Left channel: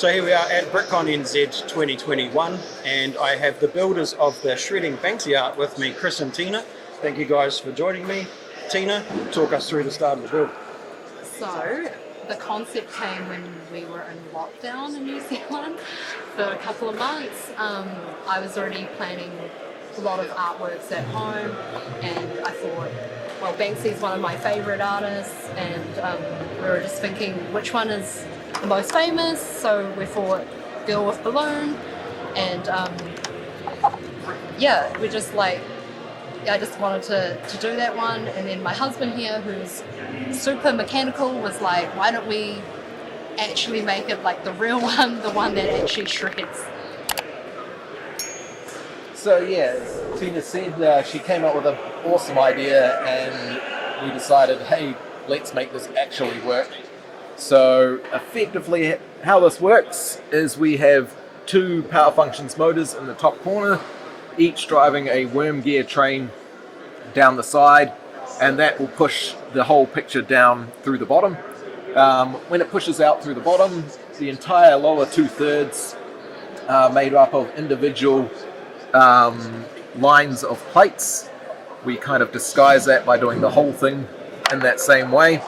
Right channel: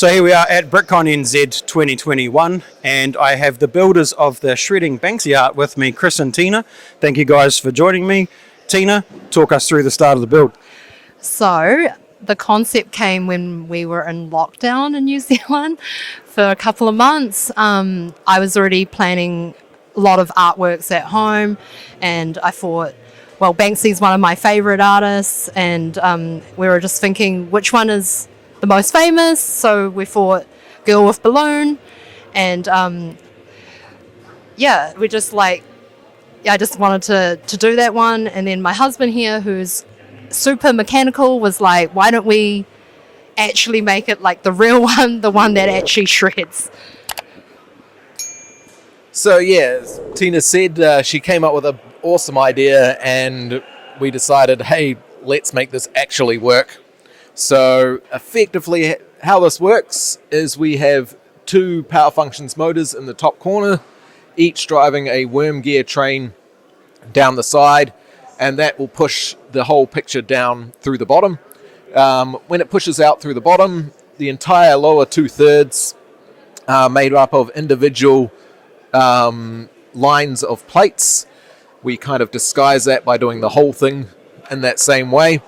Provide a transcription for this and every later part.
So here we are at BrickCon-NZ 2021, and I have the builders of the Shredding Banksy art with me, Chris and Tina. Thank you guys for joining me. Tina, talk us through the start of the build. So the concept came when we were in lockdown in New Zealand for a couple of months. I was already planning a lot of artworks at home, and I thought, well, Banksy's one of my favourite artists, and we were just thinking which one is the most famous. So we thought Girl with Balloon, and we just I just wanted to do that one. And then my husband here, who's super mechanical, was like, why don't we actually make it like the real one, the one that actually shreds? So yeah, Tina said she came up with an awesome idea, and we decided, hey, let's make this actually work. So effectively how this works is we have two power functions motors in the top corner, each driving a worm gear train down the side, and that will push the whole picture down through the bottom. When it pushes out through the bottom, the entire lower 2/3 are made up of individual lines of plates. We kind of disguise that by doing the whole thing in that same way.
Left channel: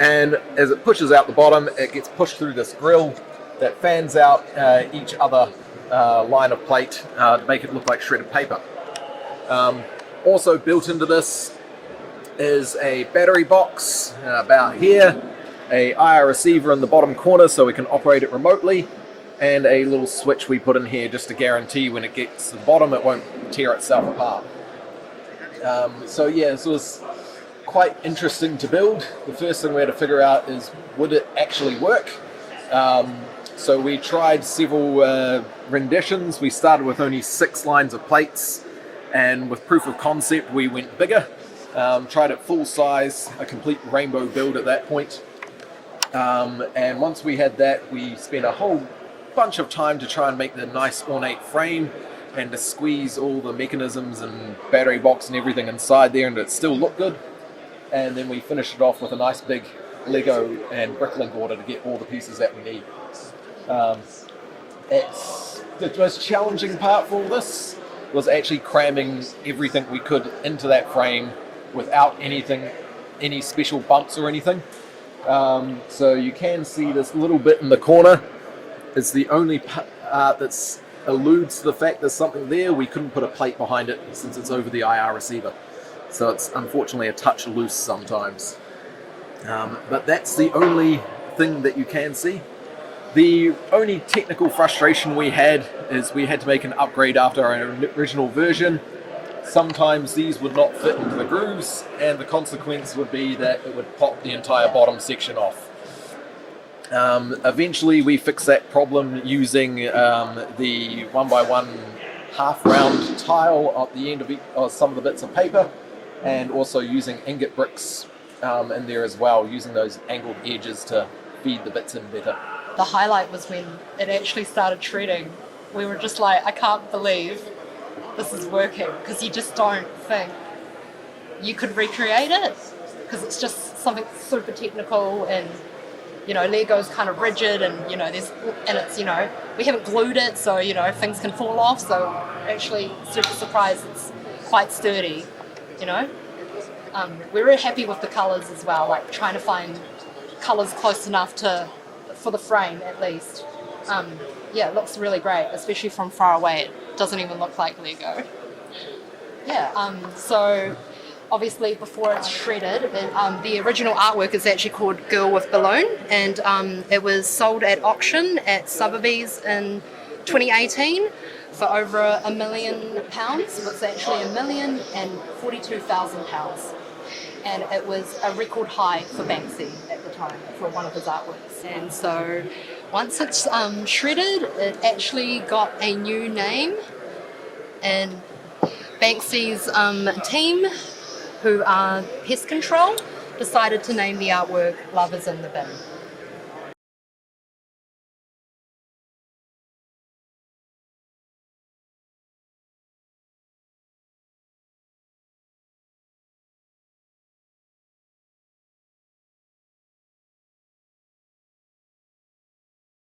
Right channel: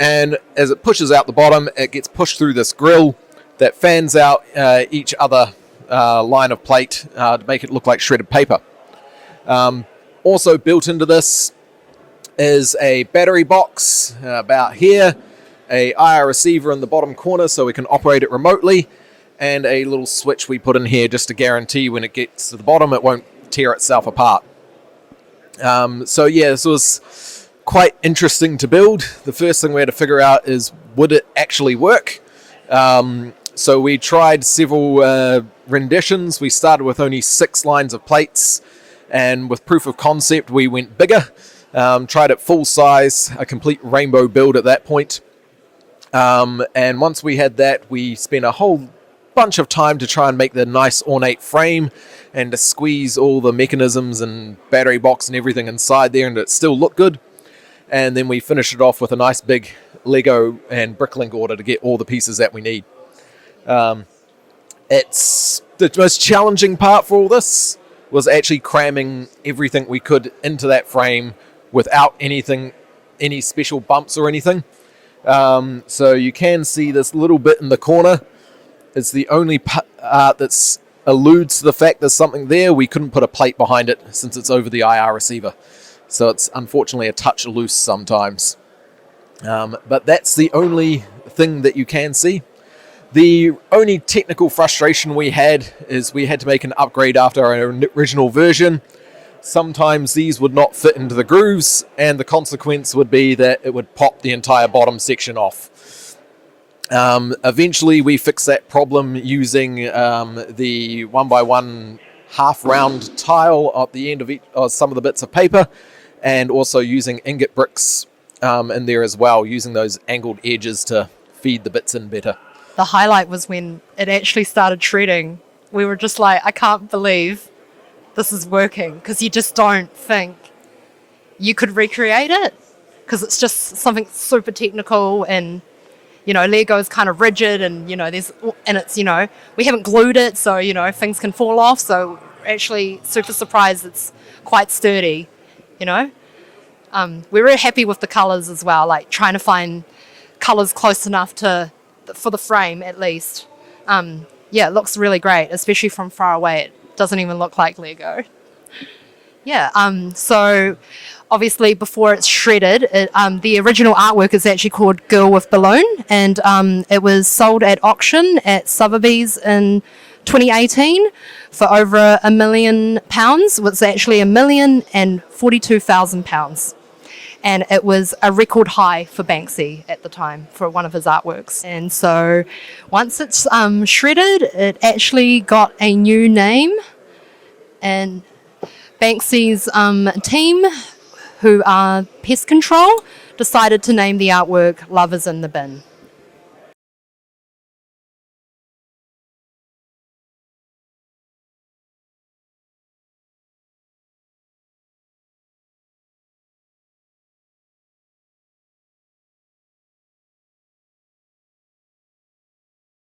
And as it pushes out the bottom, it gets pushed through this grill that fans out each other line of plate to make it look like shredded paper. Also built into this is a battery box about here, a IR receiver in the bottom corner so we can operate it remotely, and a little switch we put in here just to guarantee when it gets to the bottom it won't tear itself apart. This was quite interesting to build. The first thing we had to figure out is, would it actually work? So we tried several renditions. We started with only 6 lines of plates, and with proof of concept we went bigger. Tried it full size, a complete rainbow build at that point. And once we had that, we spent a whole bunch of time to try and make the nice ornate frame and to squeeze all the mechanisms and battery box and everything inside there and it still looked good. And then we finished it off with a nice big Lego and Bricklink order to get all the pieces that we need. It's the most challenging part for all this was actually cramming everything we could into that frame without any special bumps or anything. So you can see this little bit in the corner. It's the only part that alludes to the fact there's something there. We couldn't put a plate behind it since it's over the IR receiver. So it's unfortunately a touch loose sometimes. But that's the only thing that you can see. The only technical frustration we had is we had to make an upgrade after our original version. Sometimes these would not fit into the grooves, and the consequence would be that it would pop the entire bottom section off. Eventually we fixed that problem using the 1x1 half round tile at the end of some of the bits of paper, and also using ingot bricks in there as well, using those angled edges to feed the bits in better. The highlight was when it actually started shredding. We were just like, I can't believe this is working, because you just don't think you could recreate it, because it's just something super technical, and Lego is kind of rigid, and it's we haven't glued it, so things can fall off. So actually super surprised it's quite sturdy. We're really happy with the colors as well, like trying to find colors close enough for the frame at least. It looks really great, especially from far away. It doesn't even look like Lego. So obviously before it's shredded, the original artwork is actually called Girl with Balloon, and it was sold at auction at Sotheby's in 2018 for over £1 million. It was actually £1,042,000. And it was a record high for Banksy at the time for one of his artworks. And so once it's shredded, it actually got a new name, and Banksy's team, who are Pest Control, decided to name the artwork Love is in the Bin.